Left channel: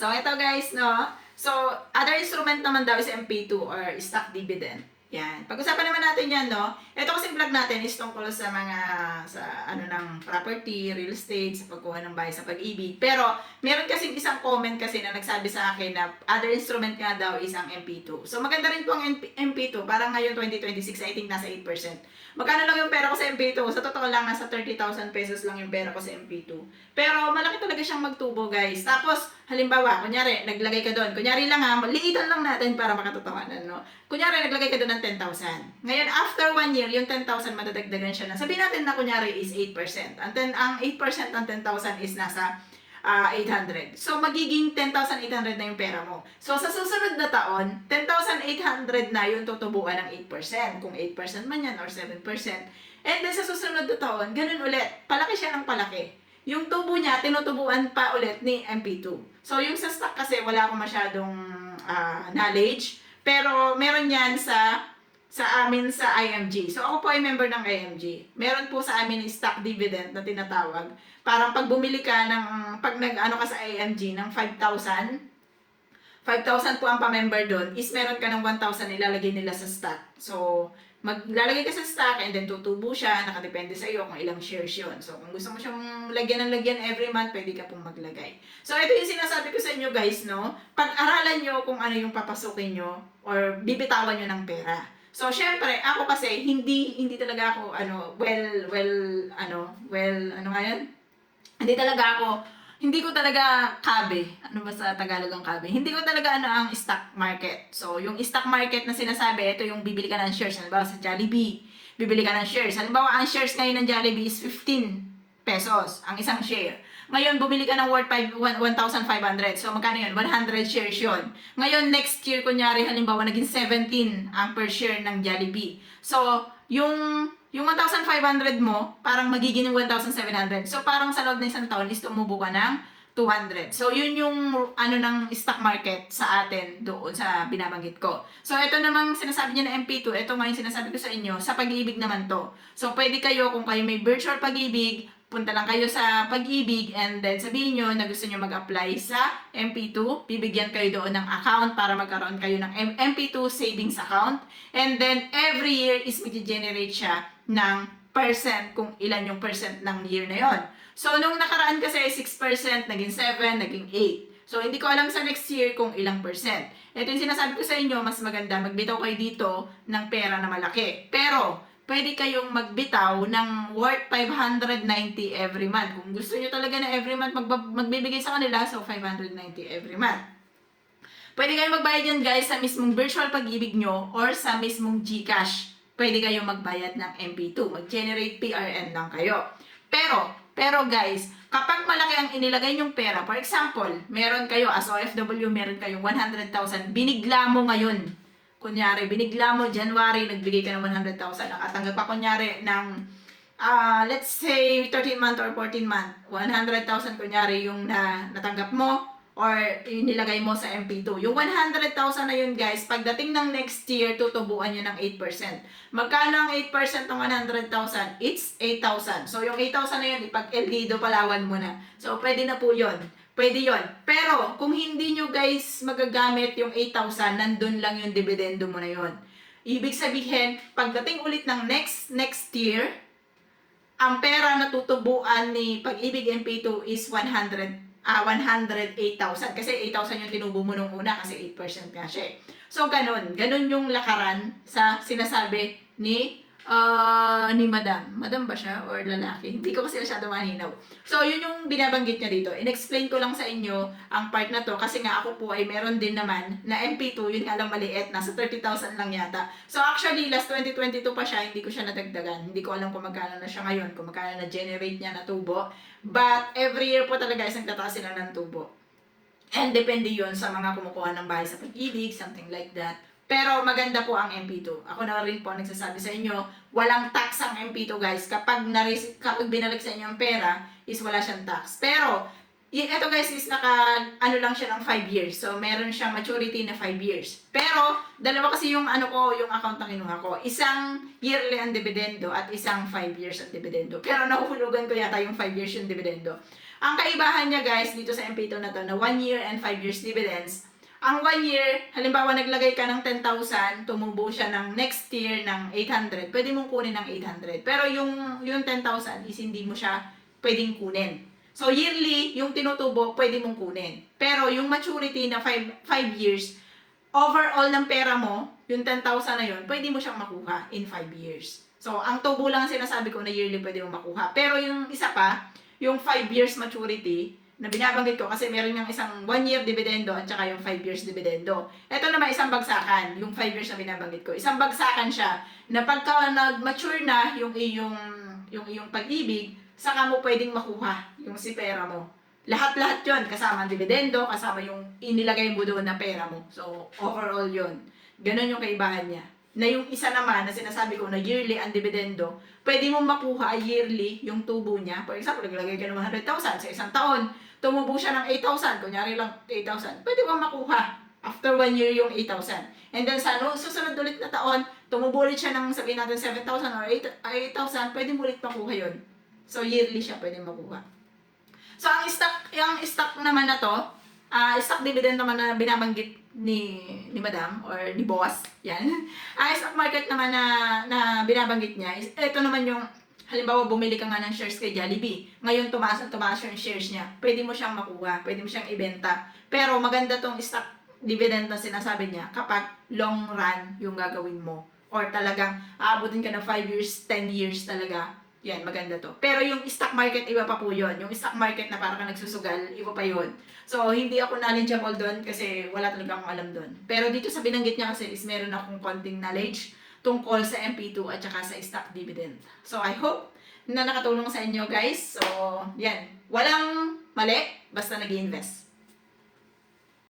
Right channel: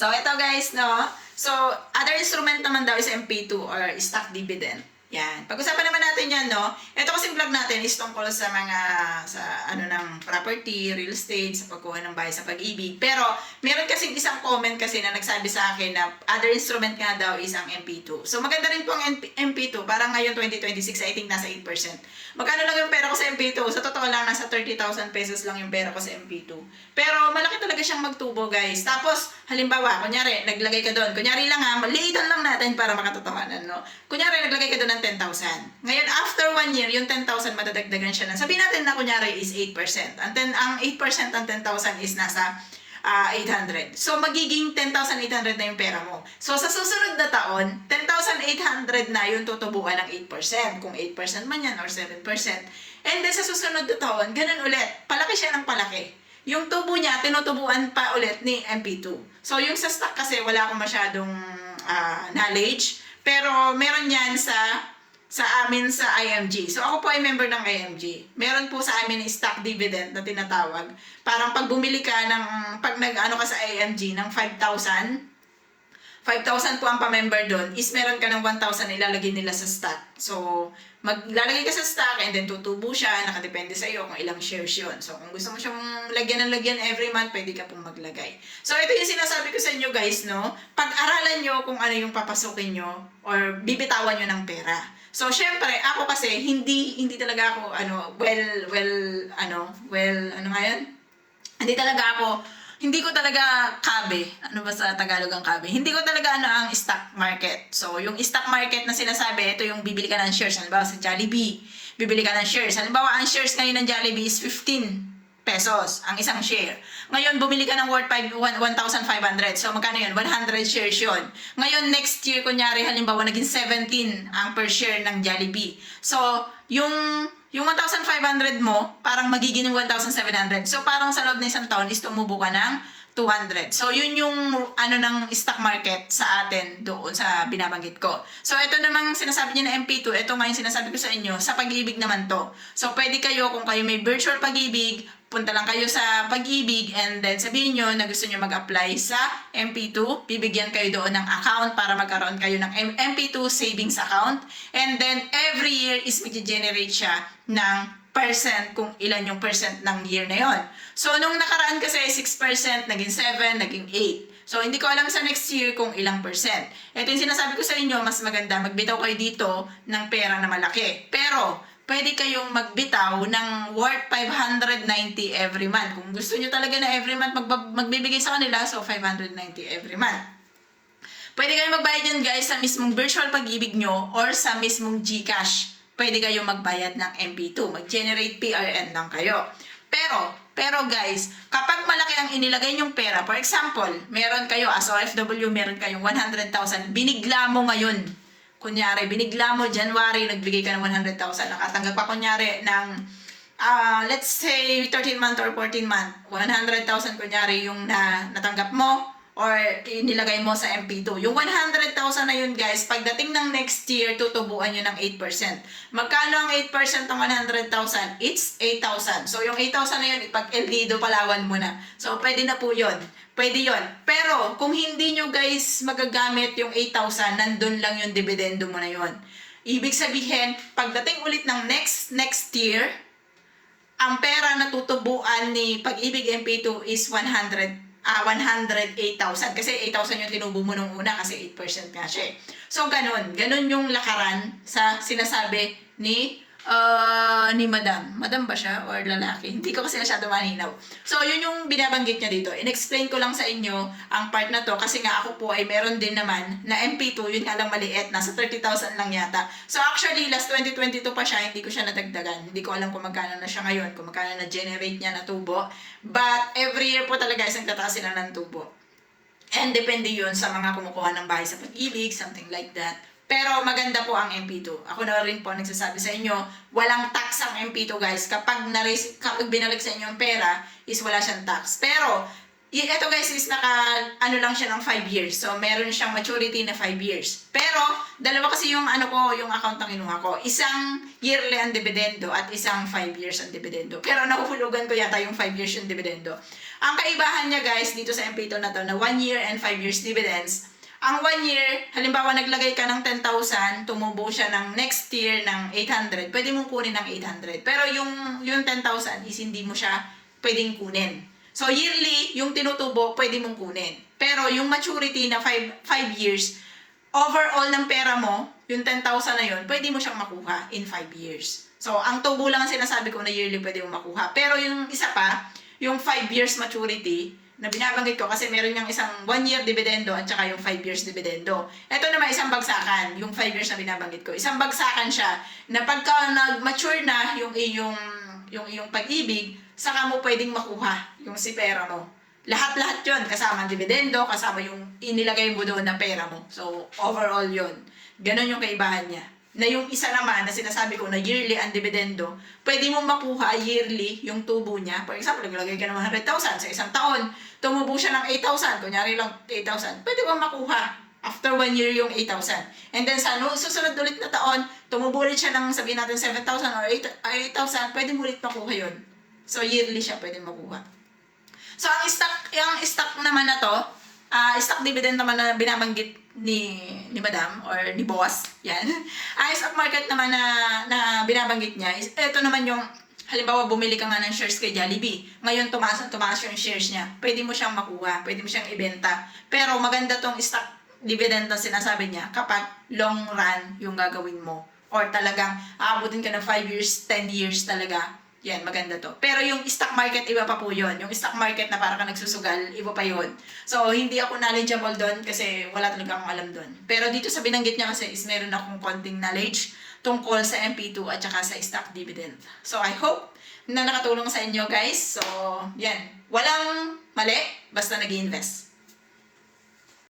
So, ito guys, no? So, other instrument naman daw is MP2 or stock dividend. Yan. Pag-usapan naman natin yan, no? Ito kasing vlog natin is tungkol sa mga, ng property, real estate, sa pagkuha ng bahay sa pag-ibig. Pero, meron kasing isang comment kasi na nagsabi sa akin na other instrument nga daw is ang MP2. So, maganda rin po ang MP2. Parang ngayon, 2026, I think nasa 8%. Magkano lang yung pera ko sa MP2? Sa totoo lang, nasa 30,000 pesos lang yung pera ko sa MP2. Pero, malaki talaga siyang magtubo, guys. Tapos, halimbawa, kunyari, naglagay ka doon. Kunyari lang ha, maliitan lang natin para makatotohanan, no? Kunyari, naglagay ka doon ng 10,000. Ngayon, after 1 year, yung 10,000 madadagdagan siya na. Sabihin natin na kunyari is 8%. Ang 8% ng 10,000 is nasa 800. So, magiging 10,800 na yung pera mo. So, sa susunod na taon, 10,800 na yung tutubuan ng 8%. Kung 8% man yan or 7%. And then, sa susunod na taon, ganun ulit. Palaki siya ng palaki. Yung tubo niya, tinutubuan pa ulit ni MP2. So, yung sa stock kasi, wala akong masyadong knowledge. Pero, meron yan sa amin sa IMG. So, ako po ay member ng IMG. Meron po sa amin stock dividend na tinatawag. Parang pag bumili ka ng, pag nag-ano ka sa IMG ng 5,000 po ang pa-member doon, is meron ka ng 1,000 ilalagay nila sa stock. So, maglalagay ka sa stock and then tutubo siya, nakadepende sa iyo kung ilang shares yun. So, kung gusto mo siyang lagyan ng lagyan every month, pwede ka pong maglagay. So, ito yung sinasabi ko sa inyo guys, no? Pag-aralan nyo kung ano yung papasukin nyo or bibitawan nyo ng pera. So, syempre, ako kasi, hindi talaga ako, hindi ko talaga kabe. Ano ba sa Tagalog ang kabe? Hindi ko talaga ang stock market. So, yung stock market na sinasabi, ito yung bibili ka ng shares. Halimbawa sa Jollibee, bibili ka ng shares. Halimbawa, ang shares ngayon ng Jollibee is 15 pesos ang isang share. Ngayon, bumili ka ng worth 1,500. So, magkano yun? 100 shares yun. Ngayon, next year, kunyari, halimbawa, naging 17 ang per share ng Jollibee. So, yung 1,500 mo, parang magiging 1,700. So, parang sa loob ng isang taon is tumubo ka ng 200. So, yun yung ng stock market sa atin doon sa binabanggit ko. So, ito namang sinasabi niya na MP2, ito nga yung sinasabi ko sa inyo, sa pag-ibig naman to. So, pwede kayo, kung kayo may virtual pag-ibig, punta lang kayo sa pag-ibig and then sabihin nyo na gusto nyo mag-apply sa MP2. Bibigyan kayo doon ng account para magkaroon kayo ng MP2 savings account. And then, every year is mag-generate siya ng percent kung ilan yung percent ng year na yon. So, nung nakaraan kasi 6%, naging 7, naging 8. So, hindi ko alam sa next year kung ilang percent. Ito yung sinasabi ko sa inyo, mas maganda magbitaw kayo dito ng pera na malaki. Pero, pwede kayong magbitaw ng worth 590 every month. Kung gusto nyo talaga na every month magbibigay sa kanila, so 590 every month. Pwede kayong magbayad yan guys sa mismong virtual pag-ibig nyo or sa mismong GCash. Pwede kayong magbayad ng MP2. Mag-generate PRN lang kayo. Pero guys, kapag malaki ang inilagay nyong pera, for example, meron kayo as OFW, meron kayong 100,000, binigla mo ngayon. Kunyari, binigla mo, January, nagbigay ka ng 100,000. Nakatanggap pa kunyari ng, let's say, 13 month or 14 month. 100,000 kunyari yung natanggap mo or inilagay mo sa MP2. Yung 100,000 na yun, guys, pagdating ng next year, tutubuan nyo ng 8%. Magkano ang 8% ng 100,000? It's 8,000. So, yung 8,000 na yun, ipag-Eldido Palawan mo na. So, pwede na po yun. Pwede yon. Pero, kung hindi nyo guys magagamit yung 8,000, nandun lang yung dividendo mo na yon. Ibig sabihin, pagdating ulit ng next year, ang pera na tutubuan ni Pag-ibig MP2 is 108,000. Kasi 8,000 yung tinubo mo nung una kasi 8% nga siya. So, ganun. Ganun yung lakaran sa sinasabi ni Madam. Madam ba siya or lalaki? Hindi ko kasi masyado maninaw. So, yun yung binabanggit niya dito. In-explain ko lang sa inyo ang part na to kasi nga ako po ay meron din naman na MP2, yun nga lang maliit, nasa 30,000 lang yata. So, actually, last 2022 pa siya, hindi ko siya nadagdagan. Hindi ko alam kung magkano na siya ngayon, kung magkano na generate niya na tubo. But, every year po talaga isang tataasin na ng tubo. And depende yun sa mga kumukuha ng bahay sa Pag-ibig, something like that. Pero maganda po ang MP2. Ako na rin po nagsasabi sa inyo, walang tax ang MP2 guys. Kapag binalik sa inyo ang pera, is wala siyang tax. Pero, ito guys is lang siya ng 5 years. So, meron siyang maturity na 5 years. Pero, dalawa kasi yung yung account na kinuha ko. Isang yearly ang dividendo at isang 5 years ang dividendo. Pero, nahuhulugan ko yata yung 5 years yung dividendo. Ang kaibahan niya guys dito sa MP2 na to na 1 year and 5 years dividends. Ang 1 year, halimbawa naglagay ka ng 10,000, tumubo siya ng next year ng 800, pwede mong kunin ng 800. Pero yung 10,000 is hindi mo siya pwedeng kunin. So yearly, yung tinutubo, pwede mong kunin. Pero yung maturity na 5 years, overall ng pera mo, yung 10,000 na yun, pwede mo siyang makuha in 5 years. So, ang tubo lang ang sinasabi ko na yearly pwede mo makuha. Pero yung isa pa, yung 5 years maturity, na binabanggit ko kasi meron yung isang 1 year dividendo at saka yung 5 years dividendo. Ito naman isang bagsakan, yung 5 years na binabanggit ko. Isang bagsakan siya na pagka nag-mature na yung iyong pag-ibig, saka mo pwedeng makuha yung si pera mo. Lahat-lahat yun, kasama ang dividendo, kasama yung inilagay mo doon na pera mo. So, overall yun. Ganon yung kaibahan niya. Na yung isa naman na sinasabi ko na yearly ang dividendo, pwede mong makuha yearly yung tubo niya. For example, naglagay ka ng 100,000 sa isang taon, tumubo siya ng 8,000, kunyari lang 8,000, pwede mong makuha after 1 year yung 8,000. And then sa susunod ulit na taon, tumubo ulit siya ng sabihin natin 7,000 or 8,000, pwede mo ulit makuha yun. So yearly siya pwede makuha. So ang stock naman na to, stock dividend naman na binabanggit ni Madam or ni Boss, yan. Ang stock market naman na binabanggit niya is ito naman yung halimbawa bumili ka nga ng shares kay Jollibee. Ngayon tumaas yung shares niya. Pwede mo siyang makuha, pwede mo siyang ibenta. Pero maganda tong stock dividend na sinasabi niya kapag long run yung gagawin mo or talagang aabutin ka ng 5 years, 10 years talaga. Yan, maganda to. Pero yung stock market, iba pa po yun. Yung stock market na parang ka nagsusugal, iba pa yun. So, hindi ako knowledgeable doon kasi wala talaga akong alam doon. Pero dito sa binanggit niya kasi is meron akong konting knowledge tungkol sa MP2 at saka sa stock dividend. So, I hope na nakatulong sa inyo guys. So, yan. Walang mali, basta nag-i-invest.